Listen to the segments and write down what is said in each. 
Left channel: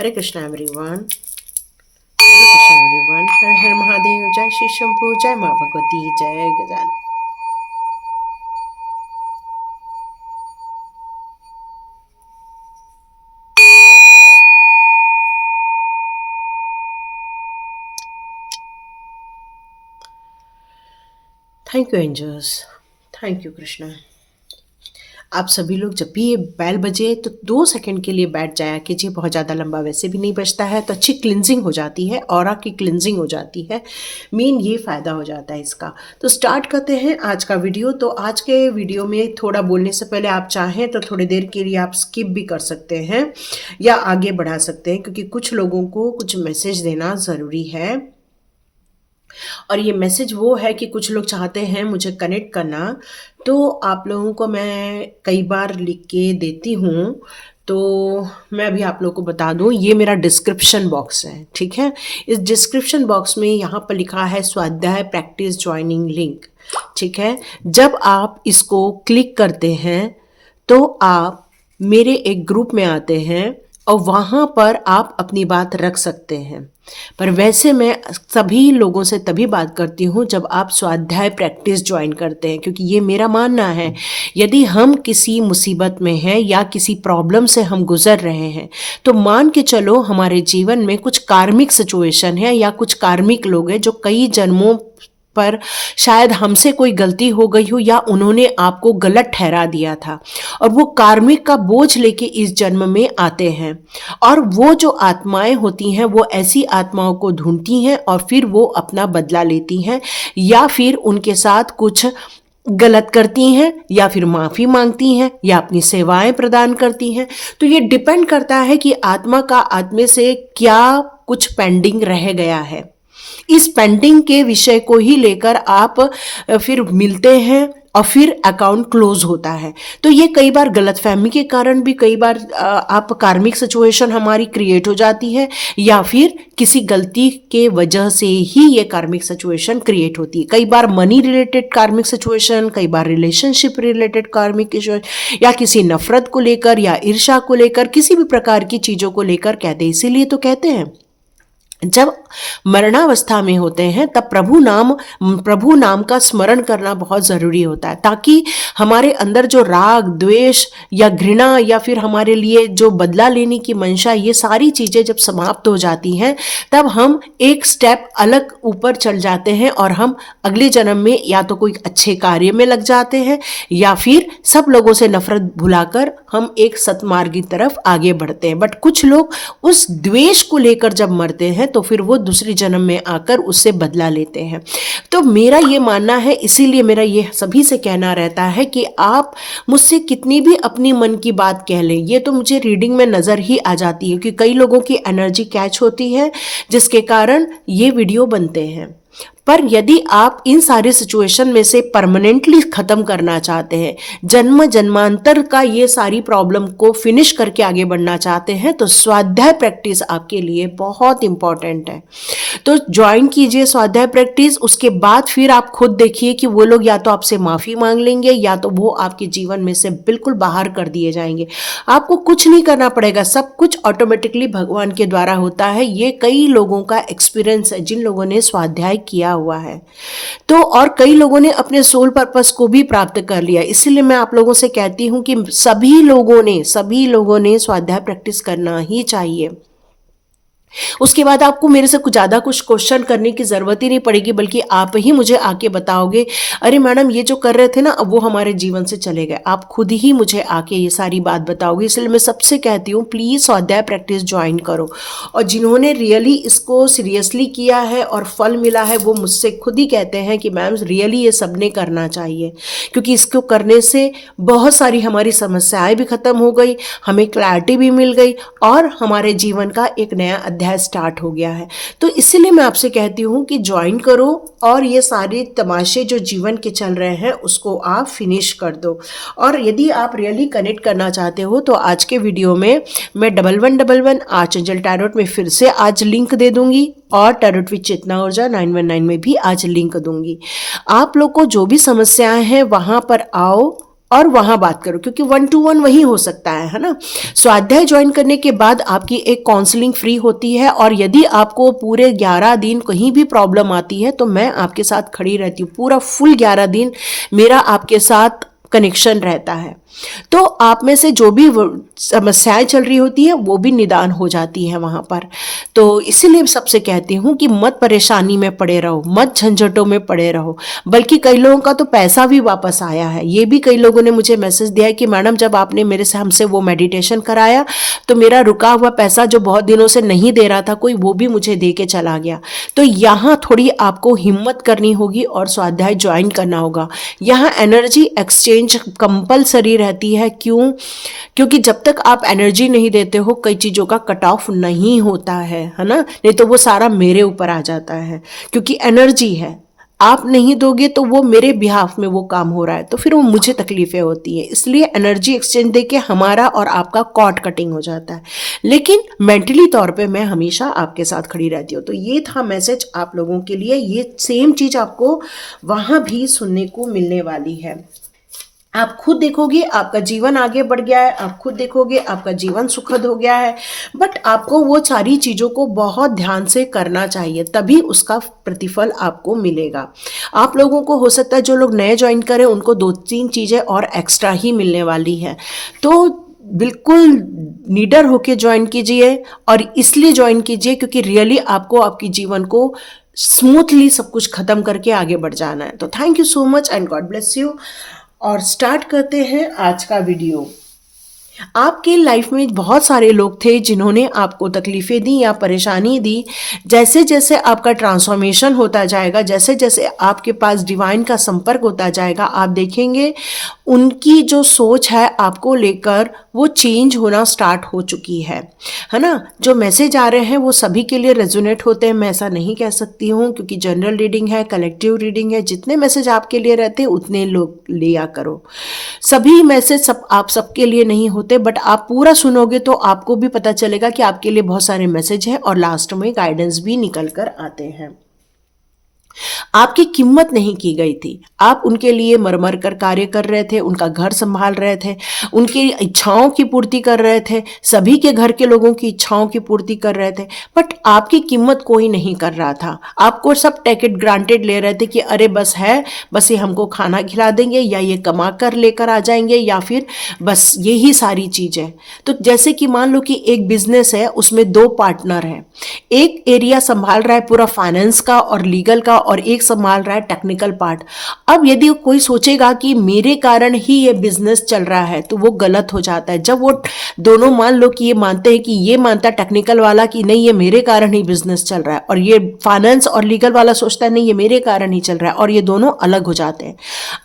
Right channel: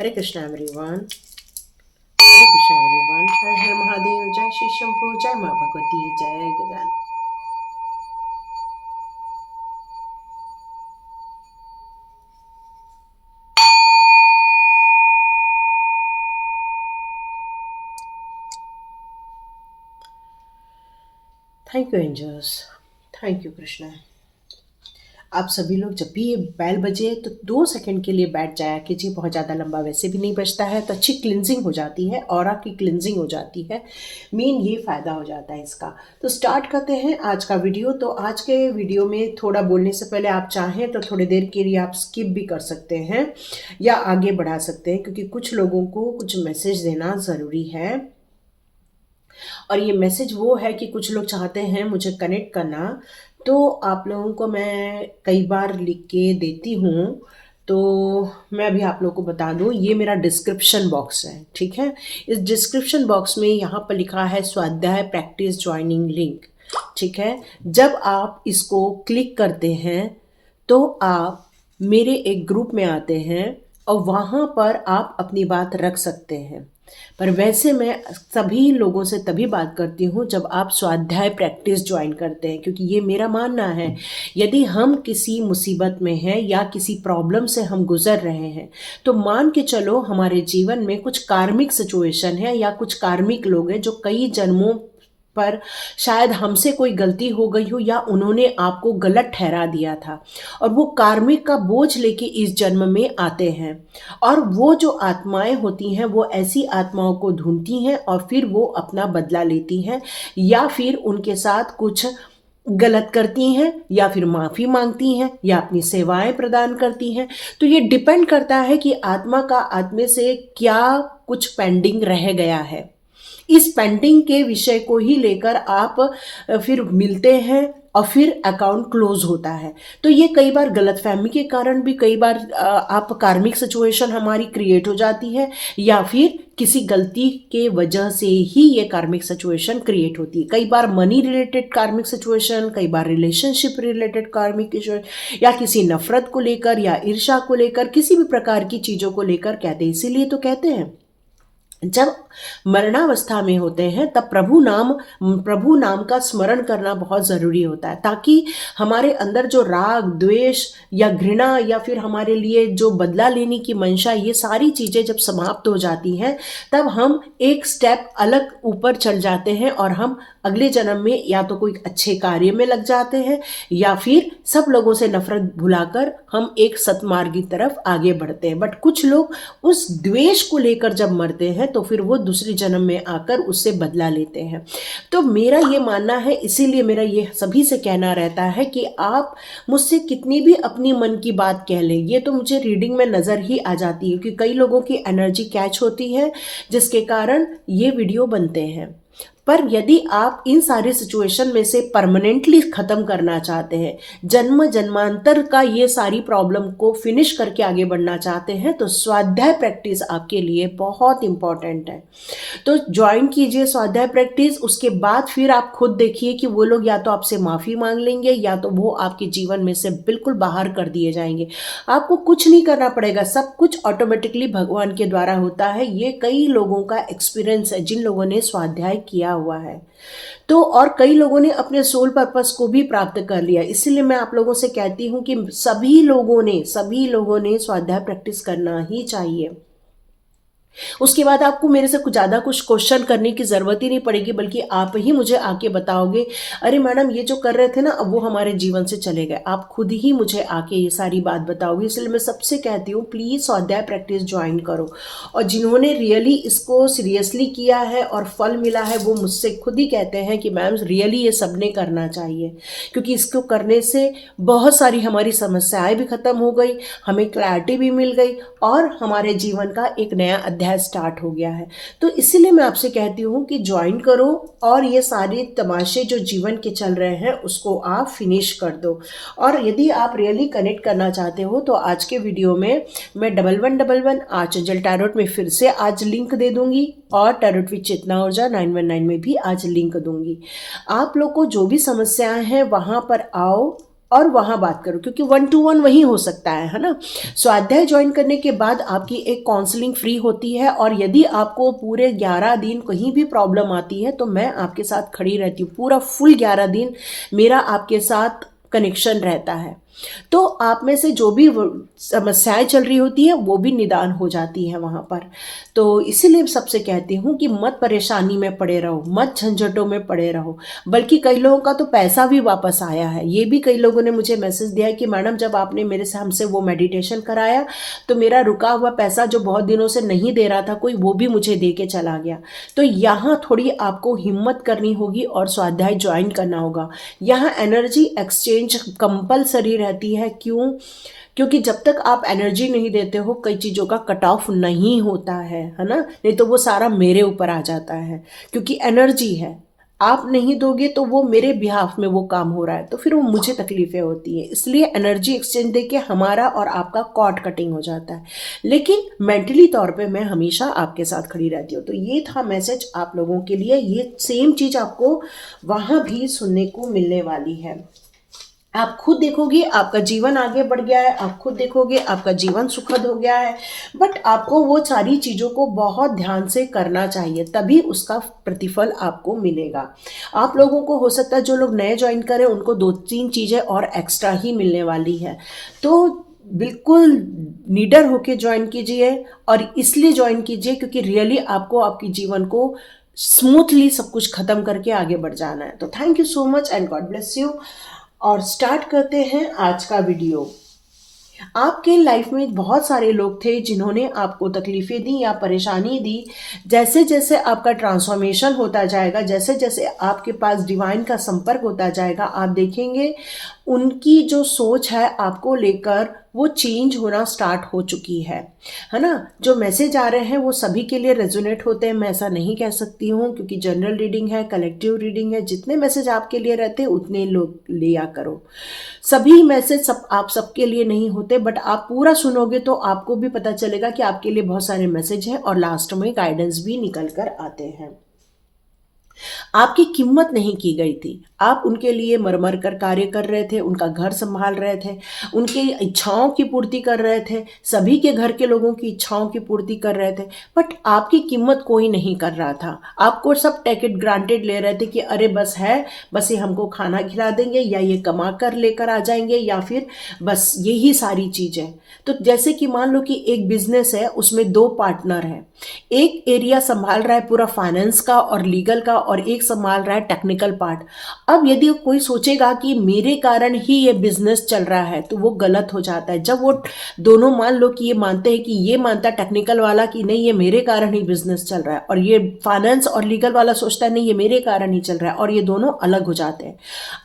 हरे Krishna everyone. Hare Krishna everyone. Har Har Mahadev. जय श्री शंभू। जय माँ भगवती। जय गजान। Thank you angels. Thank you Krishna. आप सभी लोग जब भी ये बैल बजे तो 2 सेकंड के लिए बैठ जाया कीजिए। बहुत ज़्यादा लंबा वैसे भी नहीं बजता है, तो अच्छी क्लिनजिंग हो जाती है, ऑरा की क्लिनजिंग हो जाती है। मेन ये फ़ायदा हो जाता है इसका। तो स्टार्ट करते हैं आज का वीडियो। तो आज के वीडियो में थोड़ा बोलने से पहले आप चाहें तो थोड़ी देर के लिए आप स्किप भी कर सकते हैं या आगे बढ़ा सकते हैं, क्योंकि कुछ लोगों को कुछ मैसेज देना ज़रूरी है। और ये मैसेज वो है कि कुछ लोग चाहते हैं मुझे कनेक्ट करना, तो आप लोगों को मैं कई बार लिख के देती हूँ। तो मैं अभी आप लोगों को बता दूँ, ये मेरा डिस्क्रिप्शन बॉक्स है, ठीक है। इस डिस्क्रिप्शन बॉक्स में यहाँ पर लिखा है स्वाध्याय प्रैक्टिस ज्वाइनिंग लिंक, ठीक है। जब आप इसको क्लिक करते हैं तो आप मेरे एक ग्रुप में आते हैं और वहाँ पर आप अपनी बात रख सकते हैं। पर वैसे मैं सभी लोगों से तभी बात करती हूँ जब आप स्वाध्याय प्रैक्टिस ज्वाइन करते हैं, क्योंकि ये मेरा मानना है, यदि हम किसी मुसीबत में हैं या किसी प्रॉब्लम से हम गुजर रहे हैं, तो मान के चलो हमारे जीवन में कुछ कार्मिक सिचुएशन है या कुछ कार्मिक लोग हैं जो कई जन्मों पर शायद हमसे कोई गलती हो गई हो या उन्होंने आपको गलत ठहरा दिया था, और वो कार्मिक का बोझ लेके इस जन्म में आते हैं। और वो जो आत्माएं होती हैं वो ऐसी आत्माओं को ढूंढती हैं और फिर वो अपना बदला लेती हैं, या फिर उनके साथ कुछ गलत करती हैं, या फिर माफ़ी मांगती हैं, या अपनी सेवाएं प्रदान करती हैं। तो ये डिपेंड करता है कि आत्मा का आत्मे से क्या कुछ पेंडिंग रह गया है। इस पेंडिंग के विषय को ही लेकर आप फिर मिलते हैं और फिर अकाउंट क्लोज होता है। तो ये कई बार गलतफहमी के कारण भी कई बार आप कार्मिक सिचुएशन हमारी क्रिएट हो जाती है, या फिर किसी गलती के वजह से ही ये कार्मिक सिचुएशन क्रिएट होती है। कई बार मनी रिलेटेड कार्मिक सिचुएशन, कई बार रिलेशनशिप रिलेटेड कार्मिक इशू, या किसी नफरत को लेकर या ईर्ष्या को लेकर, किसी भी प्रकार की चीज़ों को लेकर कहते हैं। इसीलिए तो कहते हैं जब मरणावस्था में होते हैं तब प्रभु नाम का स्मरण करना बहुत ज़रूरी होता है, ताकि हमारे अंदर जो राग द्वेष या घृणा या फिर हमारे लिए जो बदला लेने की मंशा, ये सारी चीज़ें जब समाप्त हो जाती हैं तब हम एक स्टेप अलग ऊपर चल जाते हैं और हम अगले जन्म में या तो कोई अच्छे कार्य में लग जाते हैं, या फिर सब लोगों से नफरत भुलाकर हम एक सतमार्ग की तरफ आगे बढ़ते हैं। बट कुछ लोग उस द्वेष को लेकर जब मरते हैं तो फिर वो दूसरी जन्म में आकर उससे बदला लेते हैं। तो मेरा ये मानना है, इसीलिए मेरा ये सभी से कहना रहता है कि आप मुझसे कितनी भी अपनी मन की बात कह लें, ये तो मुझे रीडिंग में नज़र ही आ जाती है कि कई लोगों की एनर्जी कैच होती है जिसके कारण ये वीडियो बनते हैं। पर यदि आप इन सारे सिचुएशन में से परमानेंटली ख़त्म करना चाहते हैं, जन्म जन्मांतर का ये सारी प्रॉब्लम को फिनिश करके आगे बढ़ना चाहते हैं, तो स्वाध्याय प्रैक्टिस आपके लिए बहुत इंपॉर्टेंट है। तो ज्वाइन कीजिए स्वाध्याय प्रैक्टिस। उसके बाद फिर आप खुद देखिए कि वो लोग या तो आपसे माफ़ी मांग लेंगे या तो वो आपके जीवन में से बिल्कुल बाहर कर दिए जाएंगे। आपको कुछ नहीं करना पड़ेगा, सब कुछ ऑटोमेटिकली भगवान के द्वारा होता है। ये कई लोगों का एक्सपीरियंस है जिन लोगों ने स्वाध्याय किया हुआ है। तो और कई लोगों ने अपने सोल पर्पस को भी प्राप्त कर लिया। इसीलिए मैं आप लोगों से कहती हूँ कि सभी लोगों ने स्वाध्याय प्रैक्टिस करना ही चाहिए। उसके बाद आपको मेरे से कुछ ज़्यादा कुछ क्वेश्चन करने की ज़रूरत ही नहीं पड़ेगी, बल्कि आप ही मुझे आके बताओगे, अरे मैडम ये जो कर रहे थे ना अब वो हमारे जीवन से चले गए। आप खुद ही मुझे आके ये सारी बात बताओगे। इसलिए मैं सबसे कहती हूँ प्लीज़ स्वाध्याय प्रैक्टिस ज्वाइन करो। और जिन्होंने रियली इसको सीरियसली किया है और फल मिला है, वो मुझसे खुद ही कहते हैं कि मैम रियली ये सबने करना चाहिए, क्योंकि इसको करने से बहुत सारी हमारी समस्याएं भी खत्म हो गई, हमें क्लैरिटी भी मिल गई और हमारे जीवन का एक नया अध्याय स्टार्ट हो गया है। तो इसीलिए मैं आपसे कहती हूँ कि ज्वाइन करो और ये सारे तमाशे जो जीवन के चल रहे हैं उसको आप फिनिश कर दो। और यदि आप रियली कनेक्ट करना चाहते हो तो आज के वीडियो में मैं 1111 आर्चएंजल टैरोट में फिर से आज लिंक दे दूंगी, और टैरोट विद चेतना ऊर्जा 919 में भी आज लिंक दूंगी। आप लोग को जो भी समस्याएं हैं वहां पर आओ, और वहाँ बात करो, क्योंकि 1-to-1 वही हो सकता है ना। स्वाध्याय ज्वाइन करने के बाद आपकी एक काउंसलिंग फ्री होती है, और यदि आपको पूरे 11 दिन कहीं भी प्रॉब्लम आती है तो मैं आपके साथ खड़ी रहती हूँ। पूरा फुल 11 दिन मेरा आपके साथ कनेक्शन रहता है। तो आप में से जो भी समस्याएं चल रही होती है वो भी निदान हो जाती है वहाँ पर। तो इसीलिए सबसे कहती हूँ कि मत परेशानी में पड़े रहो, मत झंझटों में पड़े रहो। बल्कि कई लोगों का तो पैसा भी वापस आया है। ये भी कई लोगों ने मुझे मैसेज दिया है कि मैडम जब आपने हमसे वो मेडिटेशन कराया तो मेरा रुका हुआ पैसा जो बहुत दिनों से नहीं दे रहा था कोई, वो भी मुझे दे के चला गया। तो यहाँ थोड़ी आपको हिम्मत करनी होगी और स्वाध्याय ज्वाइन करना होगा। यहाँ एनर्जी एक्सचेंज कंपलसरी रहती है। क्यों? क्योंकि जब तक आप एनर्जी नहीं देते हो कई चीज़ों का कट ऑफ नहीं होता है ना। नहीं तो वो सारा मेरे ऊपर आ जाता है, क्योंकि एनर्जी है। आप नहीं दोगे तो वो मेरे बिहाफ में वो काम हो रहा है, तो फिर वो मुझे तकलीफें होती है। इसलिए एनर्जी एक्सचेंज देके हमारा और आपका कॉर्ड कटिंग हो जाता है। लेकिन मेंटली तौर पे मैं हमेशा आपके साथ खड़ी रहती हूँ। तो ये था मैसेज आप लोगों के लिए। ये सेम चीज़ आपको वहाँ भी सुनने को मिलने वाली है। आप खुद देखोगे आपका जीवन आगे बढ़ गया है, आप खुद देखोगे आपका जीवन सुखद हो गया है। बट आपको वो सारी चीज़ों को बहुत ध्यान से करना चाहिए, तभी उसका प्रतिफल आपको मिलेगा। आप लोगों को हो सकता है जो लोग नए ज्वाइन करें उनको 2-3 चीज़ें और एक्स्ट्रा ही मिलने वाली है। तो बिल्कुल निडर होके ज्वाइन कीजिए, और इसलिए ज्वाइन कीजिए क्योंकि रियली आपको आपके जीवन को स्मूथली सब कुछ खत्म करके आगे बढ़ जाना है। तो thank you so much and God bless you. और स्टार्ट करते हैं आज का वीडियो। आपके लाइफ में बहुत सारे लोग थे जिन्होंने आपको तकलीफें दी या परेशानी दी। जैसे जैसे आपका ट्रांसफॉर्मेशन होता जाएगा, जैसे जैसे आपके पास डिवाइन का संपर्क होता जाएगा, आप देखेंगे उनकी जो सोच है आपको लेकर वो चेंज होना स्टार्ट हो चुकी है ना। जो मैसेज आ रहे हैं वो सभी के लिए रेजोनेट होते हैं, मैं ऐसा नहीं कह सकती हूँ, क्योंकि जनरल रीडिंग है, कलेक्टिव रीडिंग है। जितने मैसेज आपके लिए रहते हैं उतने लोग लिया करो। सभी मैसेज आप सबके लिए नहीं होते, बट आप पूरा सुनोगे तो आपको भी पता चलेगा कि आपके लिए बहुत सारे मैसेज हैं, और लास्ट में गाइडेंस भी निकल कर आते हैं। आपकी कीमत नहीं की गई थी। आप उनके लिए मर मर कर कार्य कर रहे थे, उनका घर संभाल रहे थे, उनकी इच्छाओं की पूर्ति कर रहे थे, सभी के घर के लोगों की इच्छाओं की पूर्ति कर रहे थे। बट आपकी कीमत कोई नहीं कर रहा था। आपको सब टेक इट ग्रांटेड ले रहे थे कि अरे बस है, बस ये हमको खाना खिला देंगे, या ये कमा कर लेकर आ जाएंगे, या फिर बस यही सारी चीज़ें। तो जैसे कि मान लो कि एक बिजनेस है, उसमें 2 पार्टनर हैं। एक एरिया संभाल रहा है पूरा फाइनेंस का और लीगल का, और एक संभाल रहा है टेक्निकल पार्ट। अब यदि कोई सोचेगा कि मेरे कारण ही ये बिजनेस चल रहा है तो वो गलत हो जाता है। जब वो दोनों मान लो कि ये मानते हैं कि ये मानता टेक्निकल वाला कि नहीं ये मेरे कारण ही बिजनेस चल रहा है, और ये फाइनेंस और लीगल वाला सोचता है नहीं ये मेरे कारण ही चल रहा है, और ये दोनों अलग हो जाते हैं।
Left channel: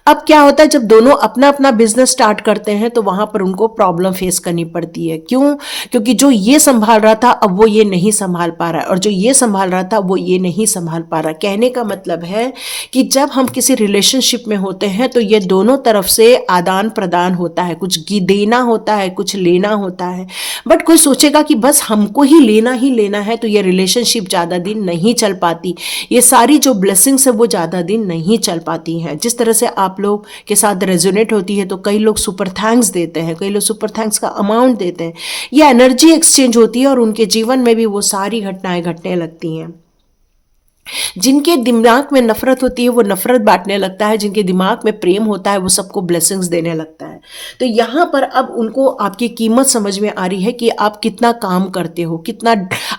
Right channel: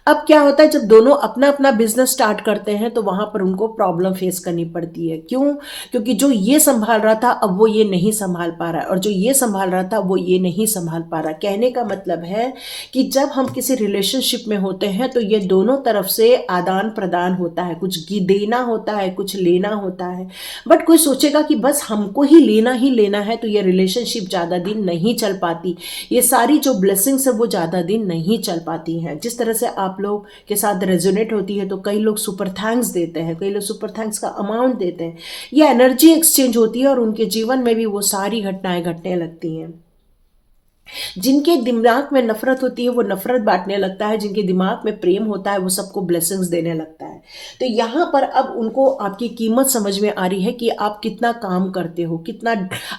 अब क्या होता है, जब दोनों अपना अपना बिजनेस स्टार्ट करते हैं तो वहां पर उनको प्रॉब्लम फेस करनी पड़ती है। क्यों? क्योंकि जो ये संभाल रहा था अब वो ये नहीं संभाल पा रहा है, और जो ये संभाल रहा था वो ये नहीं संभाल पा रहा। कहने का मतलब है कि जब हम किसी रिलेशनशिप में होते हैं तो ये दोनों तरफ से आदान प्रदान होता है, कुछ देना होता है, कुछ लेना होता है। बट कोई सोचेगा कि बस हमको ही लेना है, तो ये रिलेशनशिप ज़्यादा दिन नहीं चल पाती। ये सारी जो ब्लेसिंग्स है वो ज़्यादा दिन नहीं चल पाती हैं। जिस तरह से आप लोग के साथ रेजोनेट होती है, तो कई लोग सुपर थैंक्स देते हैं, कई लोग सुपर थैंक्स का अमाउंट देते हैं। ये एनर्जी एक्सचेंज होती है, और उनके जीवन में भी वो सारी घटनाएं घटने लगती हैं। जिनके दिमाग में नफरत होती है वो नफरत बांटने लगता है, जिनके दिमाग में प्रेम होता है वो सबको ब्लेसिंग्स देने लगता है। तो यहाँ पर अब उनको आपकी कीमत समझ में आ रही है कि आप कितना काम करते हो, कितना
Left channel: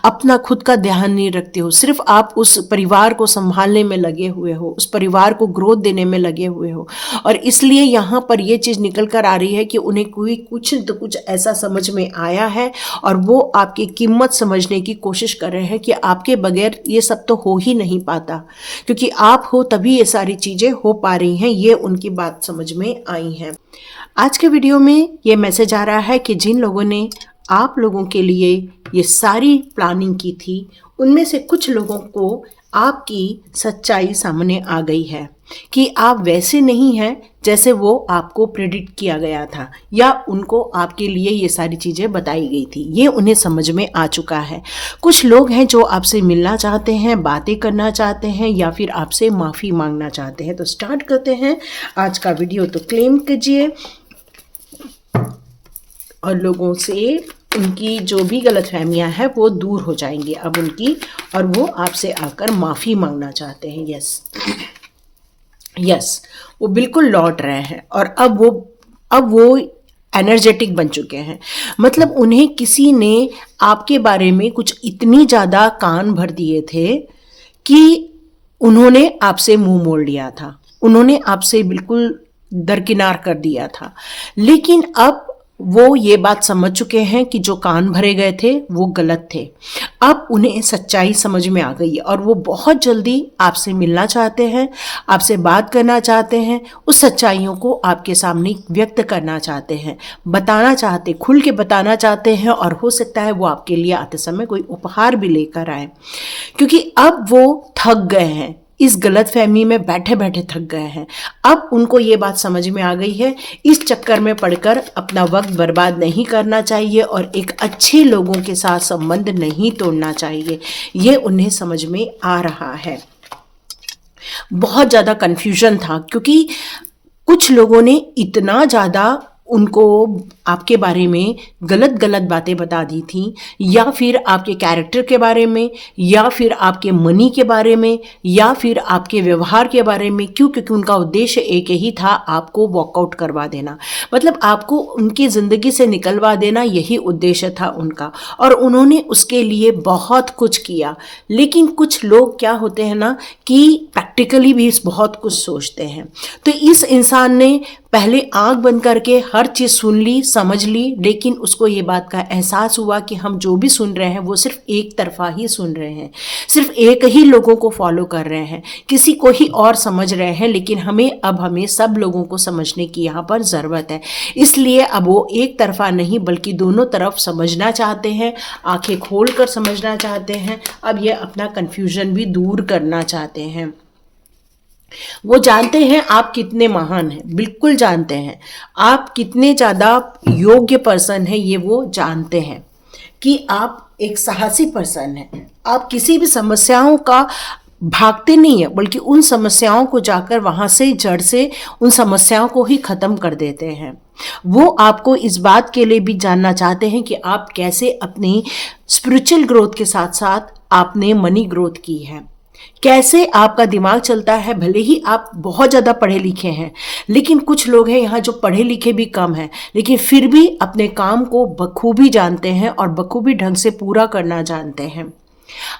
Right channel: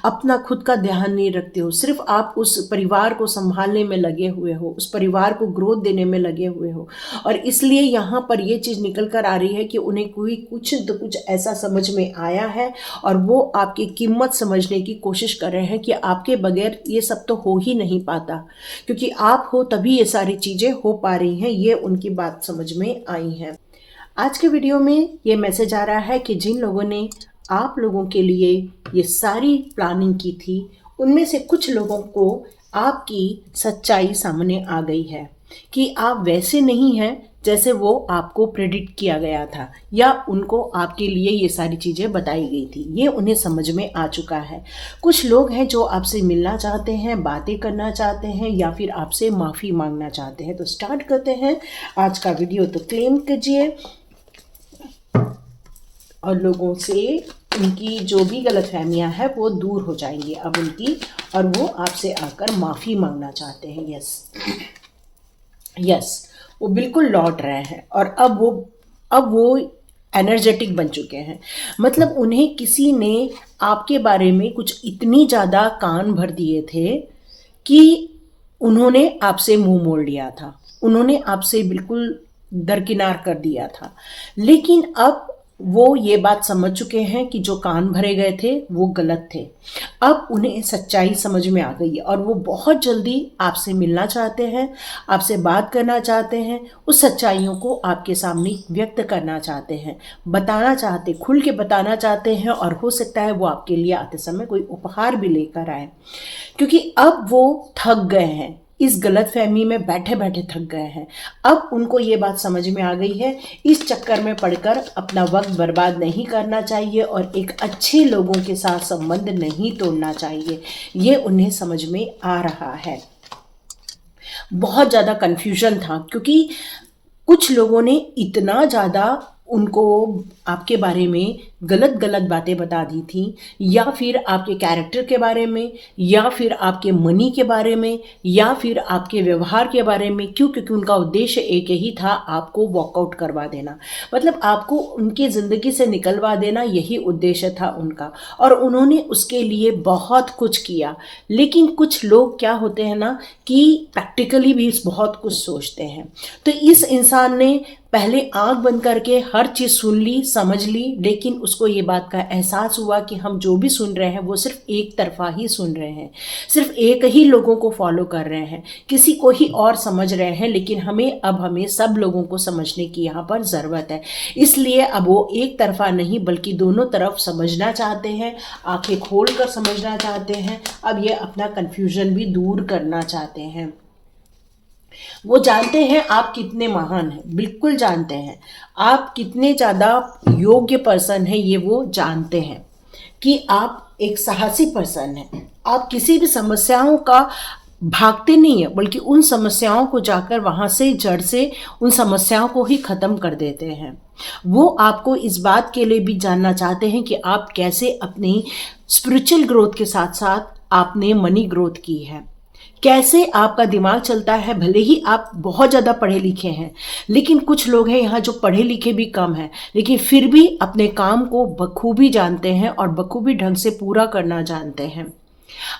अपना खुद का ध्यान नहीं रखते हो, सिर्फ आप उस परिवार को संभालने में लगे हुए हो, उस परिवार को ग्रोथ देने में लगे हुए हो। और इसलिए यहाँ पर ये चीज़ निकल कर आ रही है कि उन्हें कोई कुछ तो कुछ ऐसा समझ में आया है, और वो आपकी कीमत समझने की कोशिश कर रहे हैं कि आपके बगैर ये सब तो हो ही नहीं पाता, क्योंकि आप हो तभी ये सारी चीज़ें हो पा रही हैं। ये उनकी बात समझ में आई है। आज के वीडियो में ये मैसेज आ रहा है कि जिन लोगों ने आप लोगों के लिए ये सारी प्लानिंग की थी, उनमें से कुछ लोगों को आपकी सच्चाई सामने आ गई है कि आप वैसे नहीं हैं जैसे वो आपको प्रेडिक्ट किया गया था या उनको आपके लिए ये सारी चीज़ें बताई गई थी। ये उन्हें समझ में आ चुका है। कुछ लोग हैं जो आपसे मिलना चाहते हैं, बातें करना चाहते हैं या फिर आपसे माफ़ी मांगना चाहते हैं। तो स्टार्ट करते हैं आज का वीडियो। तो क्लेम कीजिए और लोगों से उनकी जो भी गलतफहमियां हैं वो दूर हो जाएंगी अब उनकी, और वो आपसे आकर माफ़ी मांगना चाहते हैं। यस यस, वो बिल्कुल लौट रहे हैं और अब वो एनर्जेटिक बन चुके हैं। मतलब उन्हें किसी ने आपके बारे में कुछ इतनी ज़्यादा कान भर दिए थे कि उन्होंने आपसे मुंह मोड़ लिया था, उन्होंने आपसे बिल्कुल दरकिनार कर दिया था। लेकिन अब वो ये बात समझ चुके हैं कि जो कान भरे गए थे वो गलत थे। अब उन्हें सच्चाई समझ में आ गई है और वो बहुत जल्दी आपसे मिलना चाहते हैं, आपसे बात करना चाहते हैं, उस सच्चाइयों को आपके सामने व्यक्त करना चाहते हैं, बताना चाहते, खुल के बताना चाहते हैं। और हो सकता है वो आपके लिए आते समय कोई उपहार भी लेकर आए, क्योंकि अब वो थक गए हैं, इस गलतफहमी में बैठे बैठे थक गए हैं। अब उनको ये बात समझ में आ गई है, इस चक्कर में पड़कर अपना वक्त बर्बाद नहीं करना चाहिए और एक अच्छे लोगों के साथ संबंध नहीं तोड़ना चाहिए। ये उन्हें समझ में आ रहा है। बहुत ज़्यादा कन्फ्यूजन था क्योंकि कुछ लोगों ने इतना ज़्यादा उनको आपके बारे में गलत गलत बातें बता दी थी, या फिर आपके कैरेक्टर के बारे में, या फिर आपके मनी के बारे में, या फिर आपके व्यवहार के बारे में। क्यों? क्योंकि उनका उद्देश्य एक ही था, आपको वॉकआउट करवा देना, मतलब आपको उनकी ज़िंदगी से निकलवा देना, यही उद्देश्य था उनका। और उन्होंने उसके लिए बहुत कुछ किया। लेकिन कुछ लोग क्या होते हैं ना कि प्रैक्टिकली भी बहुत कुछ सोचते हैं। तो इस इंसान ने पहले आंख बंद करके हर चीज़ सुन ली, समझ ली, लेकिन उसको ये बात का एहसास हुआ कि हम जो भी सुन रहे हैं वो सिर्फ एक तरफा ही सुन रहे हैं, सिर्फ एक ही लोगों को फॉलो कर रहे हैं, किसी को ही और समझ रहे हैं। लेकिन हमें सब लोगों को समझने की यहाँ पर ज़रूरत है। इसलिए अब वो एक तरफा नहीं बल्कि दोनों तरफ समझना चाहते हैं, आंखें खोल कर समझना चाहते हैं। अब ये अपना कन्फ्यूजन भी दूर करना चाहते हैं। वो जानते हैं आप कितने महान हैं, बिल्कुल जानते हैं आप कितने ज़्यादा योग्य पर्सन हैं। ये वो जानते हैं कि आप एक साहसी पर्सन हैं। आप किसी भी समस्याओं का भागते नहीं है बल्कि उन समस्याओं को जाकर वहाँ से जड़ से उन समस्याओं को ही ख़त्म कर देते हैं। वो आपको इस बात के लिए भी जानना चाहते हैं कि आप कैसे अपनी स्पिरिचुअल ग्रोथ के साथ साथ आपने मनी ग्रोथ की है, कैसे आपका दिमाग चलता है। भले ही आप बहुत ज़्यादा पढ़े लिखे हैं, लेकिन कुछ लोग हैं यहाँ जो पढ़े लिखे भी कम हैं, लेकिन फिर भी अपने काम को बखूबी जानते हैं और बखूबी ढंग से पूरा करना जानते हैं।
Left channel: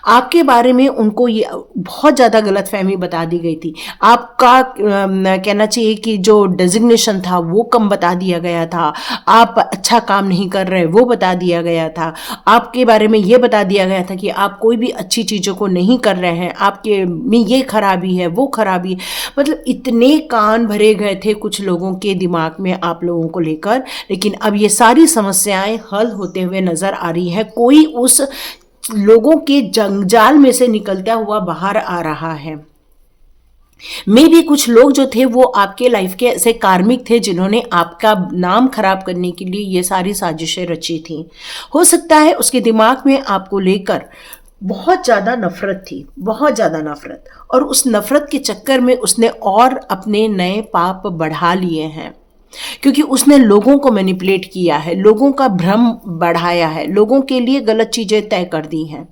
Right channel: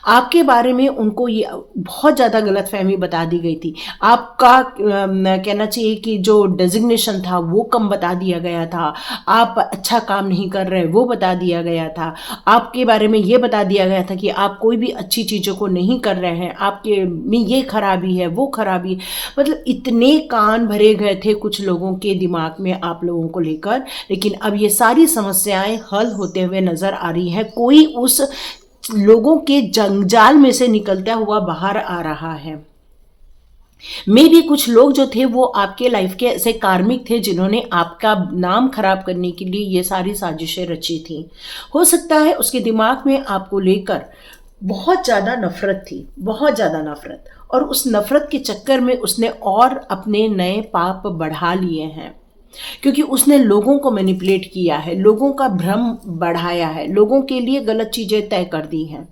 आपके बारे में उनको ये बहुत ज़्यादा गलतफहमी बता दी गई थी। आपका कहना चाहिए कि जो डेजिग्नेशन था वो कम बता दिया गया था, आप अच्छा काम नहीं कर रहे वो बता दिया गया था, आपके बारे में ये बता दिया गया था कि आप कोई भी अच्छी चीज़ों को नहीं कर रहे हैं, आपके में ये खराबी है वो खराबी। मतलब इतने कान भरे गए थे कुछ लोगों के दिमाग में आप लोगों को लेकर। लेकिन अब ये सारी समस्याएं हल होते हुए नज़र आ रही हैं। कोई उस लोगों के जंजाल में से निकलता हुआ बाहर आ रहा है। मे भी कुछ लोग जो थे वो आपके लाइफ के ऐसे कार्मिक थे जिन्होंने आपका नाम खराब करने के लिए ये सारी साजिशें रची थी। हो सकता है उसके दिमाग में आपको लेकर बहुत ज़्यादा नफरत थी, बहुत ज़्यादा नफरत, और उस नफरत के चक्कर में उसने और अपने नए पाप बढ़ा लिए हैं, क्योंकि उसने लोगों को मैनिपुलेट किया है, लोगों का भ्रम बढ़ाया है, लोगों के लिए गलत चीज़ें तय कर दी हैं।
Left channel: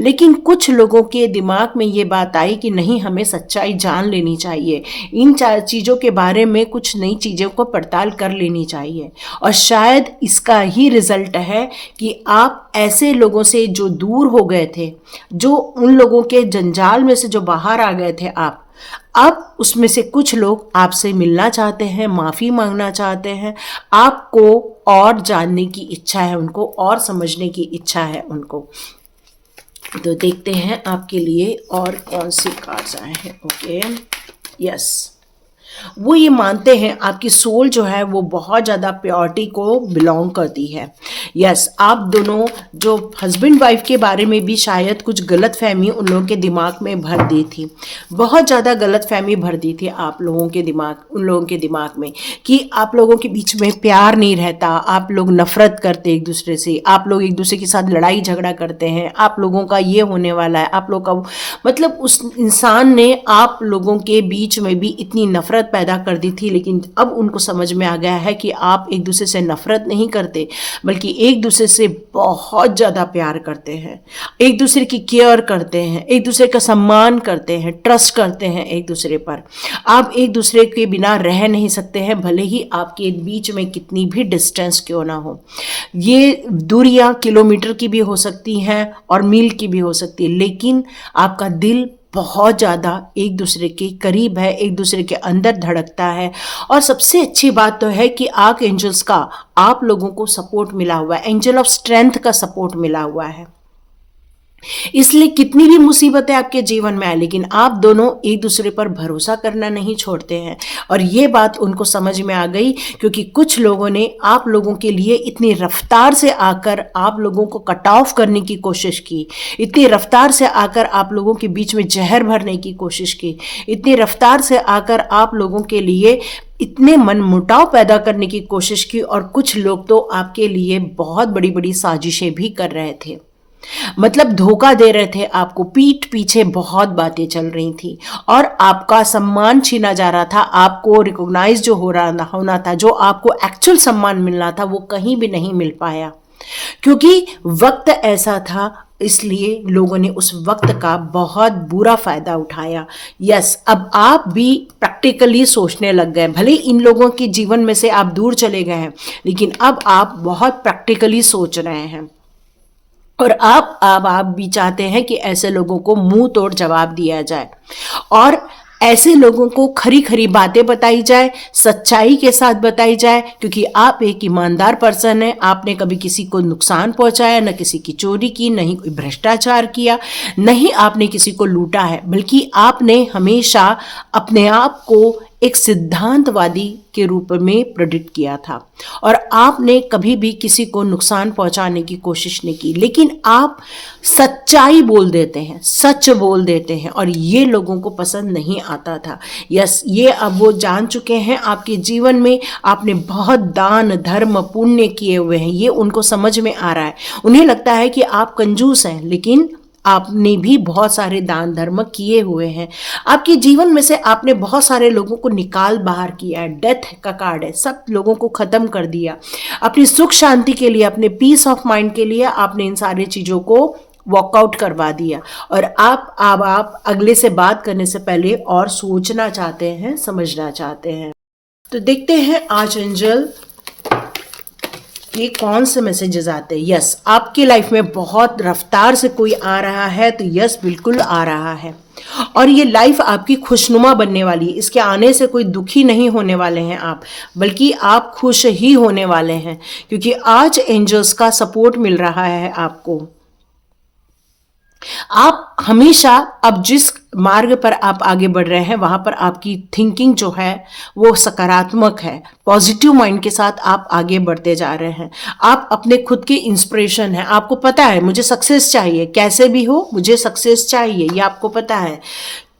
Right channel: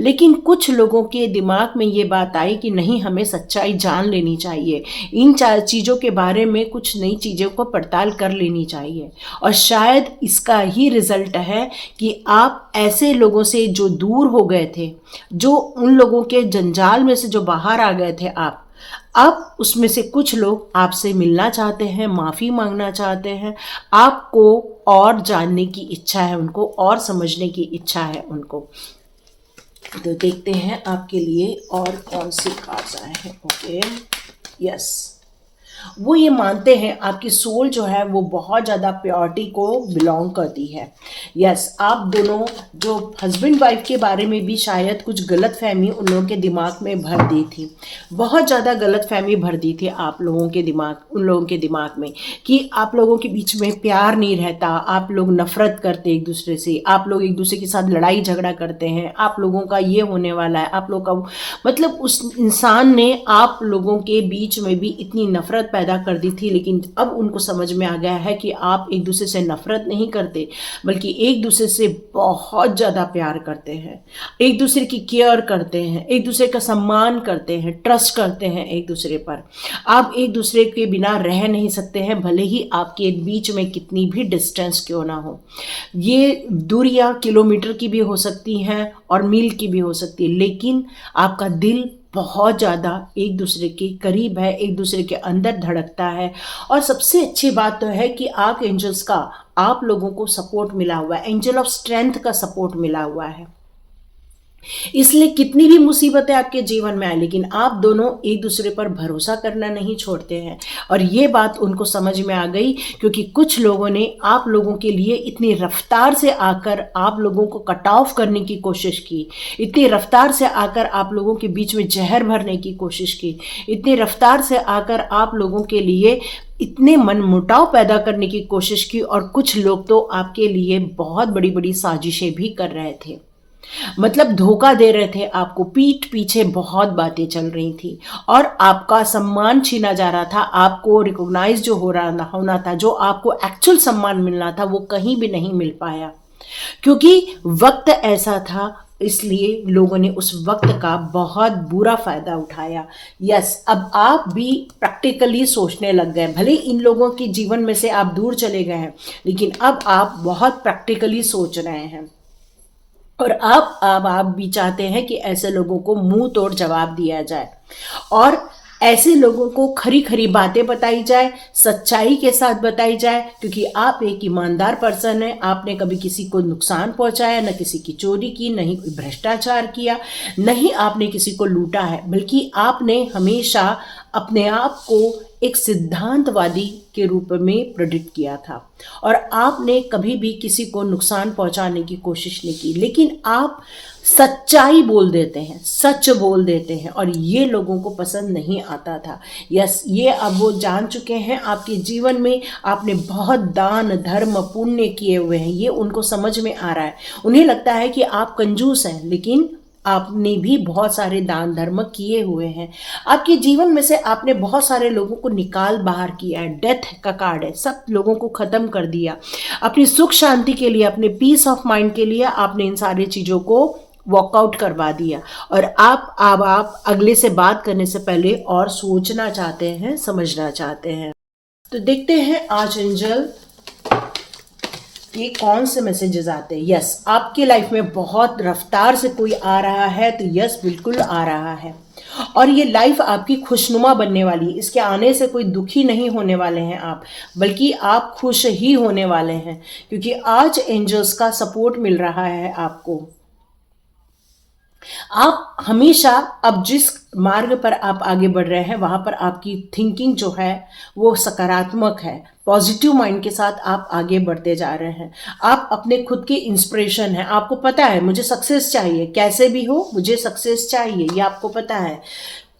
लेकिन कुछ लोगों के दिमाग में ये बात आई कि नहीं, हमें सच्चाई जान लेनी चाहिए, इन चार चीज़ों के बारे में कुछ नई चीज़ों को पड़ताल कर लेनी चाहिए। और शायद इसका ही रिजल्ट है कि आप ऐसे लोगों से जो दूर हो गए थे, जो उन लोगों के जंजाल में से जो बाहर आ गए थे, आप अब उसमें से कुछ लोग आपसे मिलना चाहते हैं, माफ़ी मांगना चाहते हैं, आपको और जानने की इच्छा है, उनको और समझने की इच्छा है उनको। तो देखते हैं आपके लिए और कौन सी कार्ड्स आए हैं। ओके, यस, वो ये मानते हैं आपकी सोल जो है वो बहुत ज़्यादा प्योरिटी को बिलोंग करती है। यस, आप दोनों जो हस्बैंड वाइफ के बारे में भी शायद कुछ गलत फहमी उन लोगों के दिमाग में भर दी थी, बहुत ज़्यादा गलत फहमी भर दी थी आप लोगों के दिमाग उन लोगों के दिमाग में कि आप लोगों के बीच में प्यार नहीं रहता, आप लोग नफरत करते एक दूसरे से, आप लोग एक दूसरे के साथ लड़ाई झगड़ा करते हैं, आप लोगों का ये होने वाला है, आप लोग का मतलब उस इंसान ने आप लोगों के बीच में भी इतनी नफरत पैदा कर दी थी। लेकिन अब उनको समझ में आ गया है कि आप एक दूसरे से नफरत नहीं करते, बल्कि एक दूसरे से बहुत ज़्यादा प्यार करते हैं, एक दूसरे की केयर करते हैं, एक दूसरे का सम्मान करते हैं, ट्रस्ट करते हैं एक दूसरे पर। आप एक दूसरे के बिना रह नहीं सकते हैं, भले ही आपके बीच में कितनी भी डिस्टेंस क्यों ना हो। ये दूरियां किलोमीटर की भी हो सकती हैं और मील की भी हो सकती है, लेकिन आपका दिल बहुत ज़्यादा एक दूसरे के करीब है, एक दूसरे के अंदर धड़कता है। और सबसे अच्छी बात तो है कि आर्क एंजल्स का आप लोगों को सपोर्ट मिला हुआ है, एंजल ऑफ स्ट्रेंथ का सपोर्ट मिला हुआ है। इसलिए कितनी भी मुसीबतें आपके जीवन में आए, लेकिन आप दोनों एक दूसरे पर भरोसा करना नहीं छोड़ते हैं। और ये बात उनको समझ में आ गई, क्योंकि कुछ लोगों ने आप लोगों के लिए इतनी रफ्तार से आकर आप लोगों को कट ऑफ करने की कोशिश की, इतनी रफ्तार से आकर आप लोगों के बीच में जहर भरने की कोशिश की, इतनी रफ्तार से आकर आप लोगों के लिए इतने मनमुटाव पैदा करने की कोशिश की। और कुछ लोग तो आपके लिए बहुत बड़ी बड़ी साजिशें भी कर रहे थे, मतलब धोखा दे रहे थे आपको, पीठ पीछे बहुत बातें चल रही थी और आपका सम्मान छीना जा रहा था। आपको रिकॉग्नाइज जो होना था, जो आपको एक्चुअल सम्मान मिलना था, वो कहीं भी नहीं मिल पाया, क्योंकि वक्त ऐसा था। इसलिए लोगों ने उस वक्त का बहुत बुरा फायदा उठाया। यस, अब आप भी प्रैक्टिकली सोचने लग गए। भले इन लोगों के जीवन में से आप दूर चले गए हैं, लेकिन अब आप बहुत प्रैक्टिकली सोच रहे हैं। और आप भी चाहते हैं कि ऐसे लोगों को मुंह तोड़ जवाब दिया जाए और ऐसे लोगों को खरी खरी बातें बताई जाए, सच्चाई के साथ बताई जाए, क्योंकि आप एक ईमानदार पर्सन हैं। आपने कभी किसी को नुकसान पहुंचाया, न किसी की चोरी की, नहीं कोई भ्रष्टाचार किया, नहीं आपने किसी को लूटा है, बल्कि आपने हमेशा अपने आप को एक सिद्धांतवादी के रूप में प्रेडिक्ट किया था और आपने कभी भी किसी को नुकसान पहुंचाने की कोशिश नहीं की। लेकिन आप सच्चाई बोल देते हैं, सच बोल देते हैं, और ये लोगों को पसंद नहीं आता था। यस, ये अब वो जान चुके हैं आपके जीवन में आपने बहुत दान धर्म पुण्य किए हुए हैं, ये उनको समझ में आ रहा है। उन्हें लगता है कि आप कंजूस हैं, लेकिन आपने भी बहुत सारे दान धर्म किए हुए हैं। आपके जीवन में से आपने बहुत सारे लोगों को निकाल बाहर किया है, डेथ का कार्ड है, सब लोगों को ख़त्म कर दिया। अपनी सुख शांति के लिए, अपने पीस ऑफ माइंड के लिए आपने इन सारी चीज़ों को वॉकआउट करवा दिया। और आप अगले से बात करने से पहले और सोचना चाहते हैं, समझना चाहते हैं। तो देखते हैं आज एंजल ये कौन से मैसेजेस आते हैं। यस, आपकी लाइफ में बहुत रफ्तार से कोई आ रहा है, तो यस बिल्कुल आ रहा है, और ये लाइफ आपकी खुशनुमा बनने वाली है। इसके आने से कोई दुखी नहीं होने वाले हैं आप, बल्कि आप खुश ही होने वाले हैं, क्योंकि आज एंजल्स का सपोर्ट मिल रहा है आपको। आप हमेशा अब जिस मार्ग पर आप आगे बढ़ रहे हैं, वहां पर आपकी थिंकिंग जो है वो सकारात्मक है, पॉजिटिव माइंड के साथ आप आगे बढ़ते जा रहे हैं। आप अपने खुद के इंस्पिरेशन हैं, आपको पता है मुझे सक्सेस चाहिए, कैसे भी हो मुझे सक्सेस चाहिए, ये आपको पता है।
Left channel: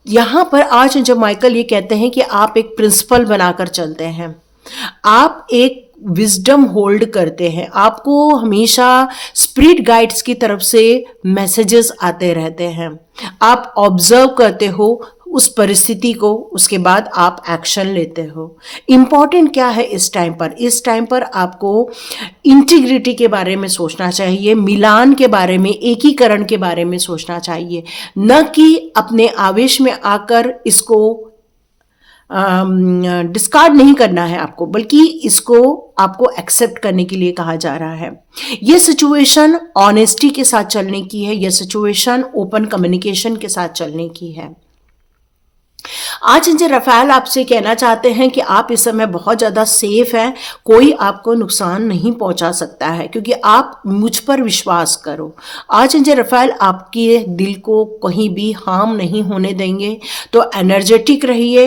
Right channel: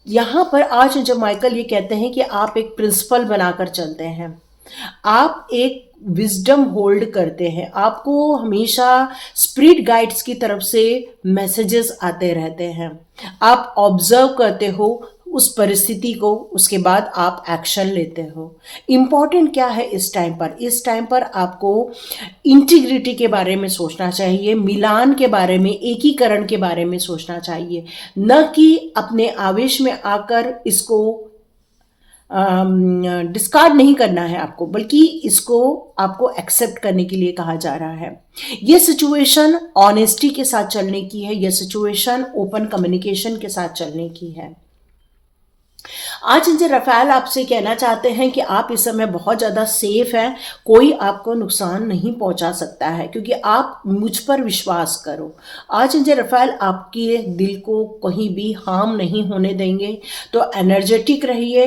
यहाँ पर आज जब माइकल ये कहते हैं कि आप एक प्रिंसिपल बनाकर चलते हैं, आप एक विजडम होल्ड करते हैं, आपको हमेशा स्पिरिट गाइड्स की तरफ से मैसेजेस आते रहते हैं, आप ऑब्जर्व करते हो उस परिस्थिति को, उसके बाद आप एक्शन लेते हो। इम्पॉर्टेंट क्या है इस टाइम पर? इस टाइम पर आपको इंटीग्रिटी के बारे में सोचना चाहिए, मिलान के बारे में, एकीकरण के बारे में सोचना चाहिए, न कि अपने आवेश में आकर इसको डिस्कार्ड नहीं करना है आपको, बल्कि इसको आपको एक्सेप्ट करने के लिए कहा जा रहा है। ये सिचुएशन ऑनेस्टी के साथ चलने की है, ये सिचुएशन ओपन कम्युनिकेशन के साथ चलने की है। आज एंजल रफाएल आपसे कहना चाहते हैं कि आप इस समय बहुत ज़्यादा सेफ हैं, कोई आपको नुकसान नहीं पहुंचा सकता है, क्योंकि आप मुझ पर विश्वास करो। आज एंजल रफाएल आपके दिल को कहीं भी हार्म नहीं होने देंगे। तो एनर्जेटिक रहिए,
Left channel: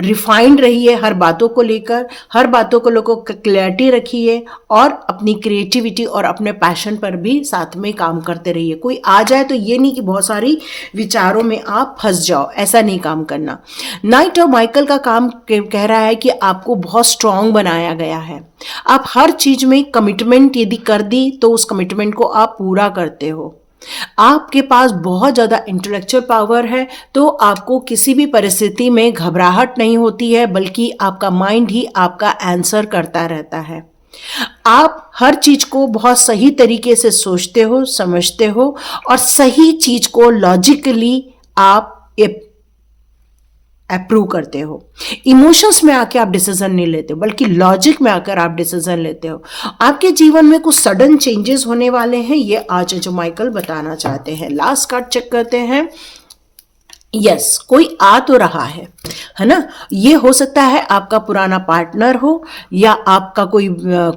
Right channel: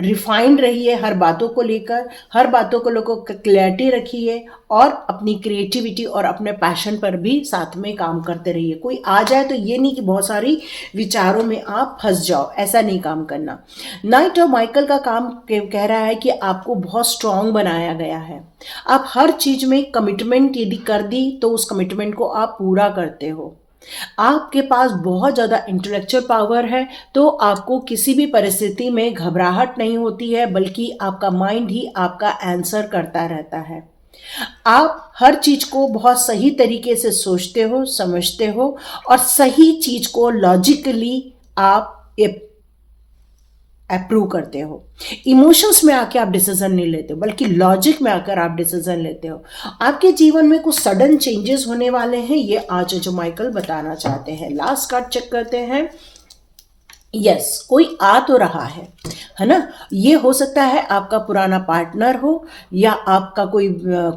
रिफाइंड रहिए हर बातों को लेकर, हर बातों को लोगों को क्लैरिटी रखिए और अपनी क्रिएटिविटी और अपने पैशन पर भी साथ में काम करते रहिए। कोई आ जाए तो ये नहीं कि बहुत सारी विचारों में आप फंस जाओ, ऐसा नहीं काम करना। नाइट ऑफ माइकल का काम कह रहा है कि आपको बहुत स्ट्रांग बनाया गया है। आप हर चीज में कमिटमेंट यदि कर दी तो उस कमिटमेंट को आप पूरा करते हो। आपके पास बहुत ज़्यादा इंटेलेक्चुअल पावर है, तो आपको किसी भी परिस्थिति में घबराहट नहीं होती है, बल्कि आपका माइंड ही आपका आंसर करता रहता है। आप हर चीज को बहुत सही तरीके से सोचते हो, समझते हो और सही चीज को लॉजिकली आप अप्रूव करते हो। इमोशंस में आके आप डिसीजन नहीं लेते हो, बल्कि लॉजिक में आकर आप डिसीजन लेते हो। आपके जीवन में कुछ सडन चेंजेस होने वाले हैं, ये आज जो माइकल बताना चाहते हैं। लास्ट कार्ड चेक करते हैं। यस, कोई आ तो रहा है ना। ये हो सकता है आपका पुराना पार्टनर हो, या आपका कोई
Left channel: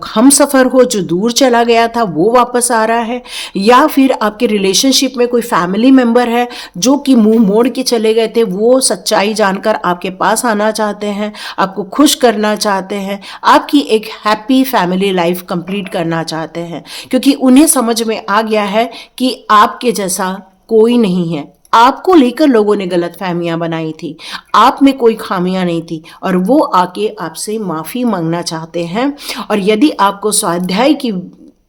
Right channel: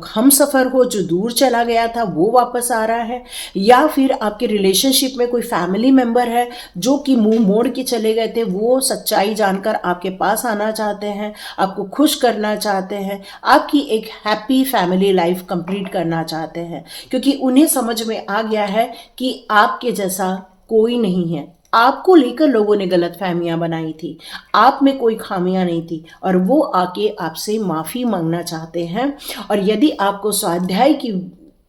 हम सफ़र हो जो दूर चला गया था वो वापस आ रहा है, या फिर आपके रिलेशनशिप में कोई फैमिली मेंबर है जो कि मुंह मोड़ के चले गए थे, वो सच्चाई जानकर आपके पास आना चाहते हैं, आपको खुश करना चाहते हैं, आपकी एक हैप्पी फैमिली लाइफ कंप्लीट करना चाहते हैं, क्योंकि उन्हें समझ में आ गया है कि आपके जैसा कोई नहीं है। आपको लेकर लोगों ने गलत फहमियां बनाई थी, आप में कोई खामियां नहीं थी, और वो आके आपसे माफ़ी मांगना चाहते हैं। और यदि आपको स्वाध्याय की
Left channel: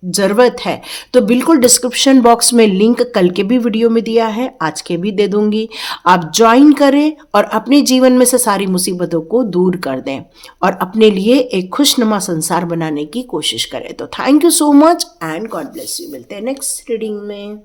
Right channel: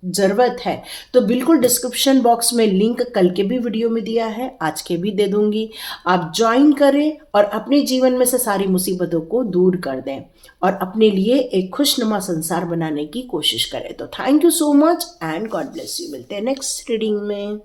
ज़रूरत है तो बिल्कुल डिस्क्रिप्शन बॉक्स में लिंक कल के भी वीडियो में दिया है, आज के भी दे दूंगी। आप ज्वाइन करें और अपने जीवन में से सारी मुसीबतों को दूर कर दें और अपने लिए एक खुशनुमा संसार बनाने की कोशिश करें। तो thank you so much and God bless you. मिलते हैं नेक्स्ट रीडिंग में।